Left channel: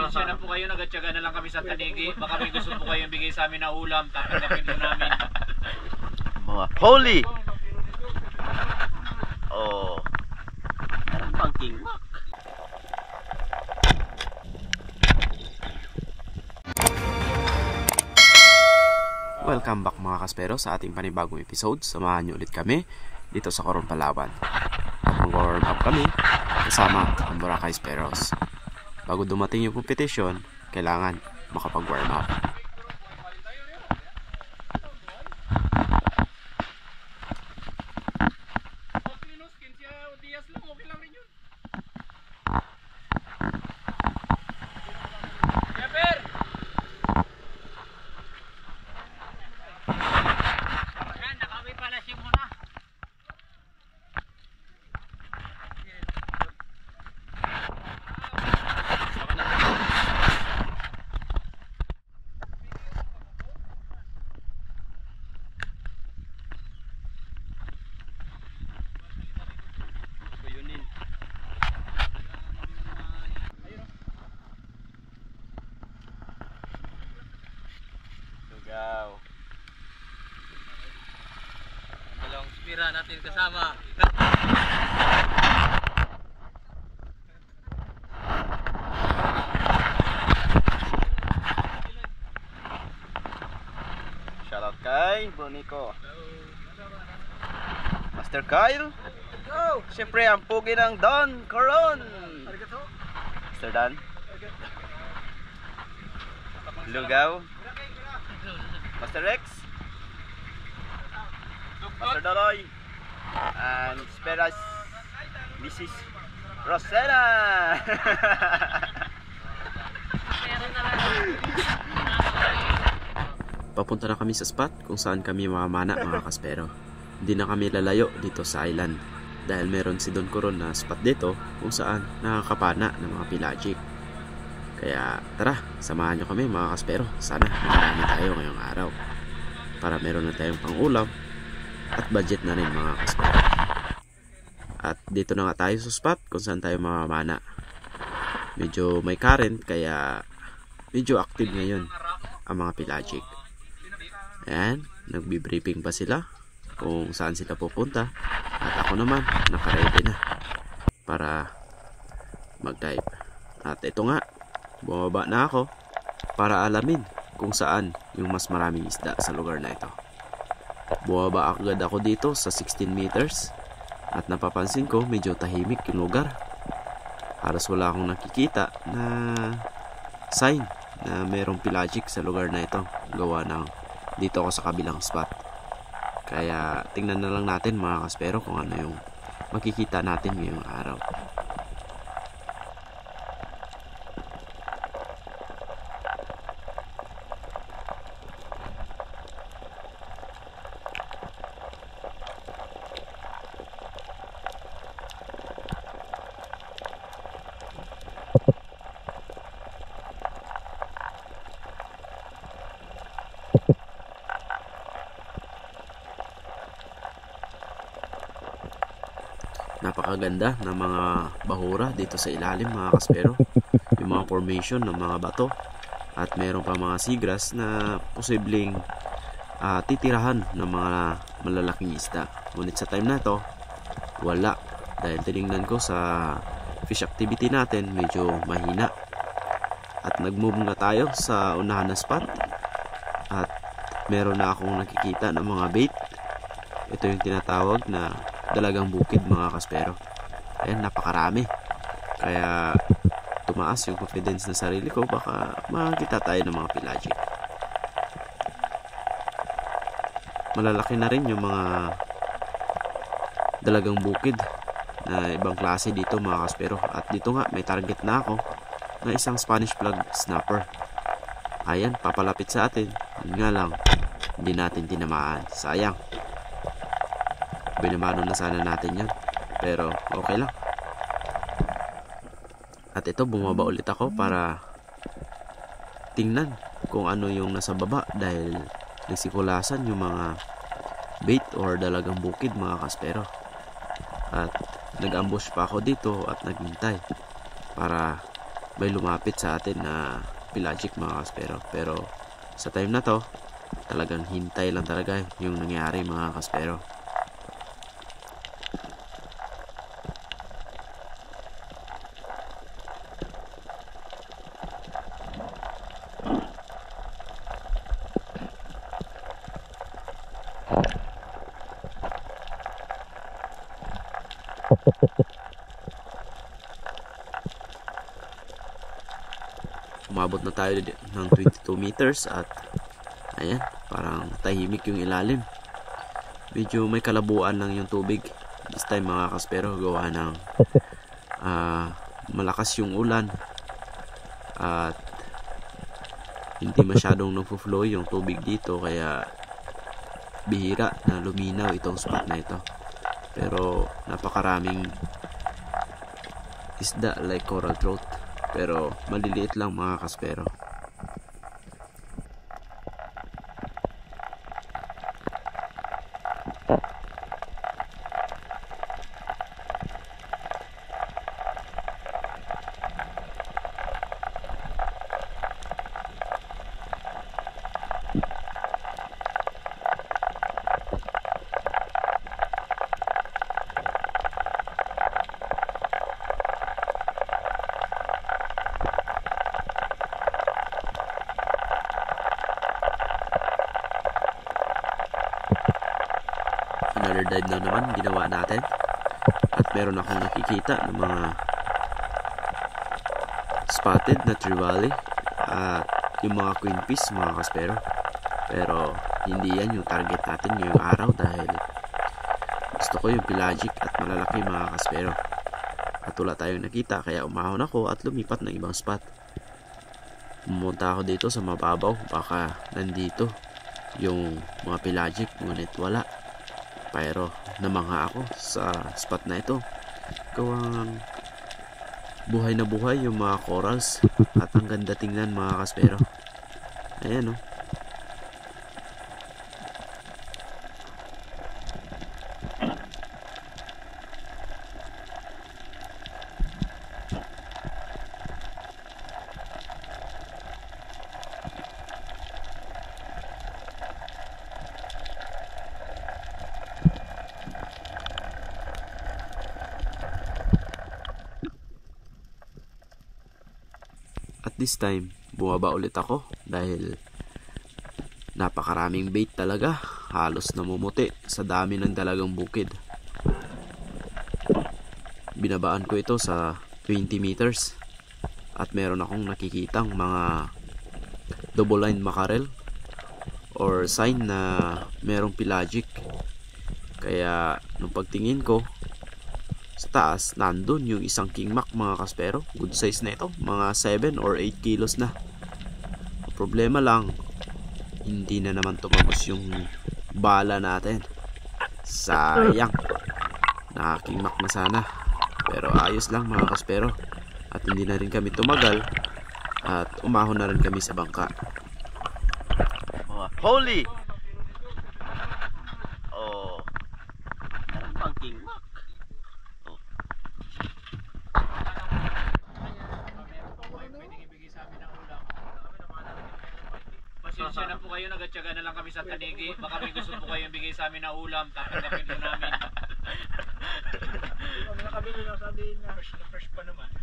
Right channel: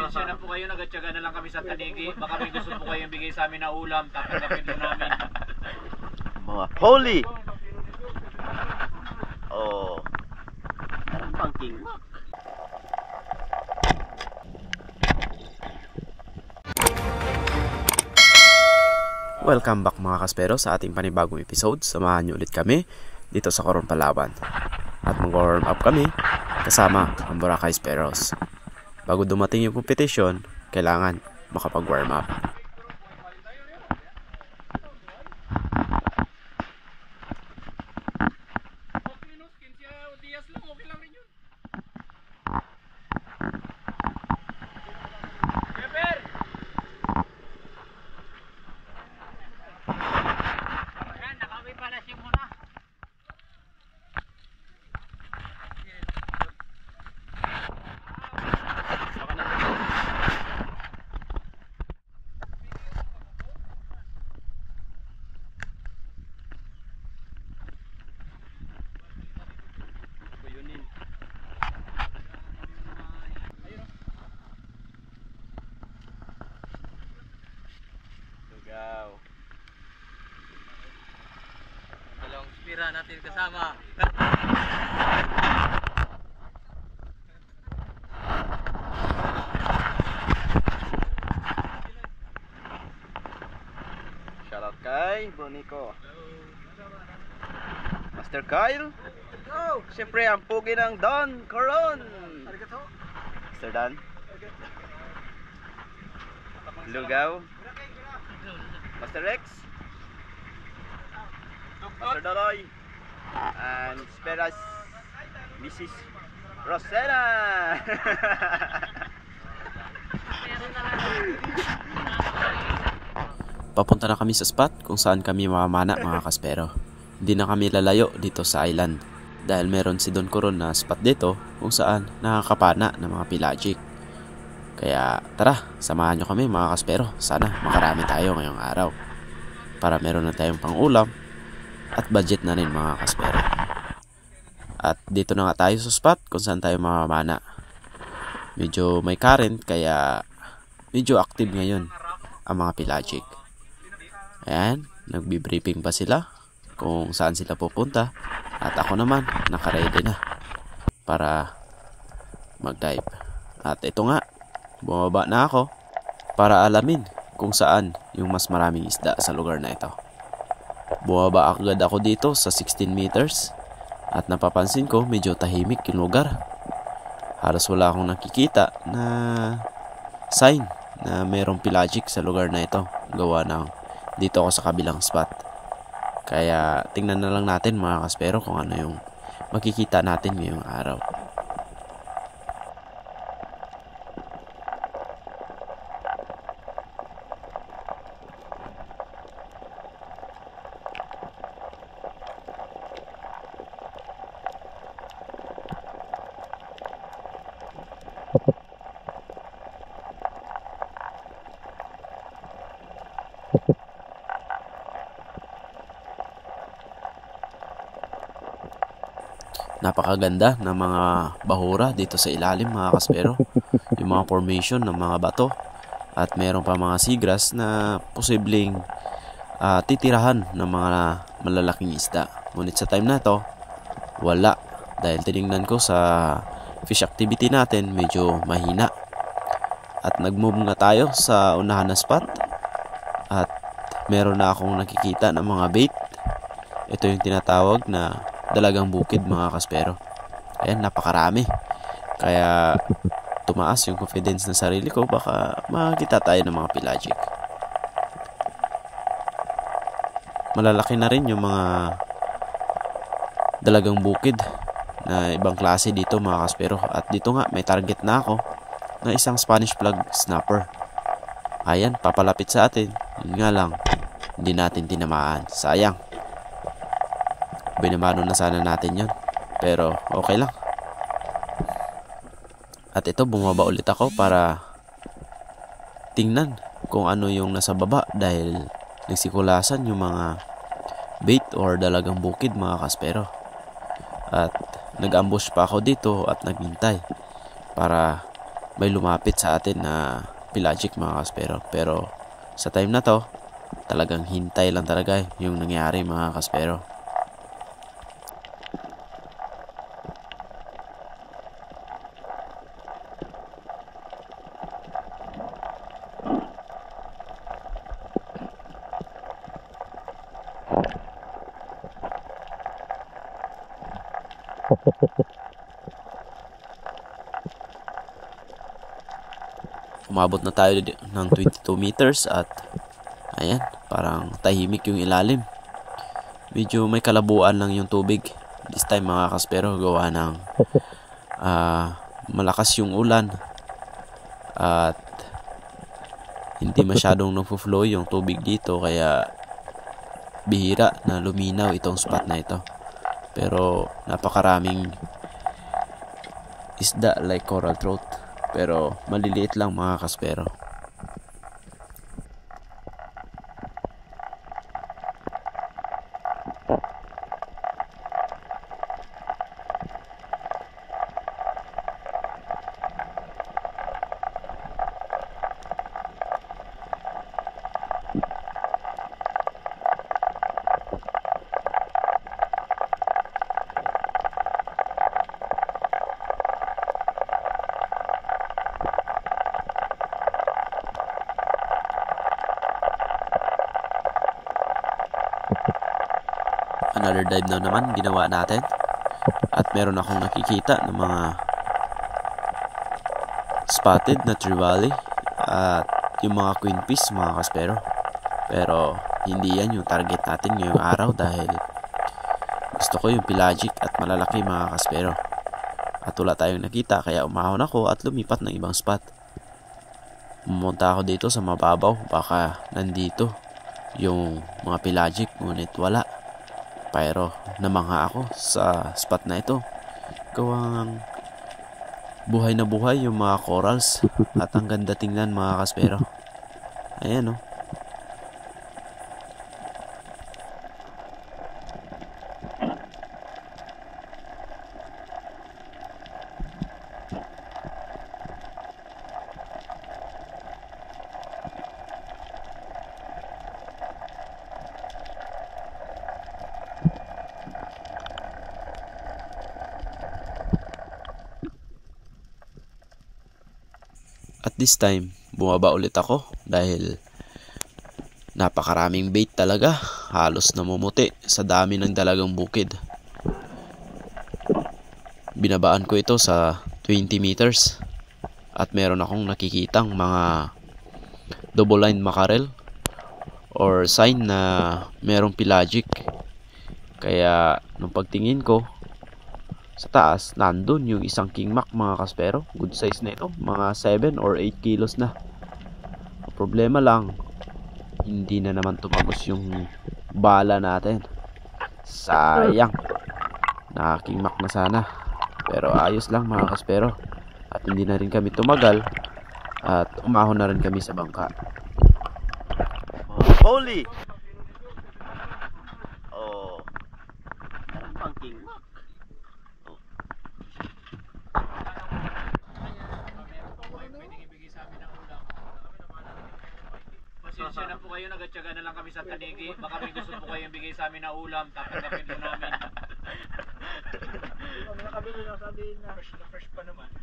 Pasensya na po kayo, nagatyaga na lang kami sa tanigi. Baka may gusto po kayong bigay sa amin na ulam, tatanggapin po namin. Mga holy! Oh. Parang pangking mak. Welcome back mga kaspero sa ating panibagong episode. Samahan niyo ulit kami dito sa Coron, Palawan. At mag-warm up kami kasama ang Boracay Speros. Bago dumating yung competition, kailangan makapag-warm up. Dalawang spira natin kasama. Shoutout kay Brunico. Master Kyle. Siyempre ang pugi ng Don Coron. Master Dan. Lugaw. Master Rex. Master Doloy. And Speras. Mrs. Rosena. Papunta na kami sa spot kung saan kami mamamana mga kaspero. Hindi na kami lalayo dito sa island dahil meron si Don Coron na spot dito kung saan nakakapana ng mga pelagic. Kaya tara, samahan nyo kami mga kaspero. Sana makarami tayo ngayong araw para meron na tayong pang-ulam at budget na rin mga kaspero. At dito na nga tayo sa spot kung saan tayo mamamana. Medyo may current kaya medyo active ngayon ang mga pelagic. Ayan, nagbi-briefing pa sila kung saan sila pupunta. At ako naman, nakaready na para mag-dive. At ito nga, bumaba na ako para alamin kung saan yung mas maraming isda sa lugar na ito. Bumaba agad ako dito sa 16 meters at napapansin ko medyo tahimik yung lugar. Halos wala akong nakikita na sign na mayroong pelagic sa lugar na ito. Gawa ng dito ako sa kabilang spot. Kaya tingnan na lang natin mga kaspero kung ano yung makikita natin ngayong araw. Napakaganda ng mga bahura dito sa ilalim mga kaspero. Yung mga formation ng mga bato. At meron pa mga seagrass na posibleng titirahan ng mga malalaking isda. Ngunit sa time na to, wala. Dahil tinignan ko sa fish activity natin, medyo mahina. At nag-move na tayo sa unahan na spot. At meron na akong nakikita ng mga bait. Ito yung tinatawag na dalagang bukid mga kaspero. Ayan, napakarami. Kaya tumaas yung confidence na sarili ko. Baka makita tayo ng mga pelagic. Malalaki na rin yung mga dalagang bukid na ibang klase dito mga kaspero. At dito nga may target na ako na isang Spanish flag snapper. Ayan, papalapit sa atin. Yun nga lang, hindi natin tinamaan. Sayang. Binamano na sana natin yun, pero okay lang. At ito, bumaba ulit ako para tingnan kung ano yung nasa baba dahil nagsikulasan yung mga bait or dalagang bukid mga kaspero. At nag-ambush pa ako dito at naghintay para may lumapit sa atin na pelagic mga kaspero. Pero sa time na to, talagang hintay lang talaga yung nangyari mga kaspero. Umabot na tayo ng 22 meters at ayan, parang tahimik yung ilalim. Medyo may kalabuan lang yung tubig this time mga kaspero, gawa ng malakas yung ulan at hindi masyadong nagfo-flow yung tubig dito, kaya bihira na luminaw itong spot na ito. Pero napakaraming isda like coral trout, pero maliliit lang mga kaspero. Another dive na naman ginawa natin at meron akong nakikita ng mga spotted na trevally at yung mga queenfish mga kaspero. Pero hindi yan yung target natin ngayong araw dahil gusto ko yung pelagic at malalaki mga kaspero. At wala tayong nakita, kaya umahon ako at lumipat ng ibang spot. Pumunta ako dito sa mababaw, baka nandito yung mga pelagic, ngunit wala. Pero namangha ako sa spot na ito. Gawang buhay na buhay yung mga corals at ang ganda tingnan mga kaspero. Ayan o. At this time, bumaba ulit ako dahil napakaraming bait talaga. Halos namumuti sa dami ng dalagang bukid. Binabaan ko ito sa 20 meters at meron akong nakikitang mga double line mackerel or sign na merong pelagic. Kaya nung pagtingin ko sa taas, nandun yung isang king mac mga kaspero. Good size na ito, mga 7 or 8 kilos na. Problema lang, hindi na naman tumagos yung bala natin. Sayang, naka king mac na sana. Pero ayos lang mga kaspero. At hindi na rin kami tumagal at umahon na rin kami sa bangka. Holy! Oh, meron pang king mac. Pasensya na po kayo, nagatyaga na lang kami sa tanigi. Baka may gusto po kayong bigay sa amin na ulam, tatanggapin po namin. Kami nakabili ng sabihin niya. Fresh pa naman.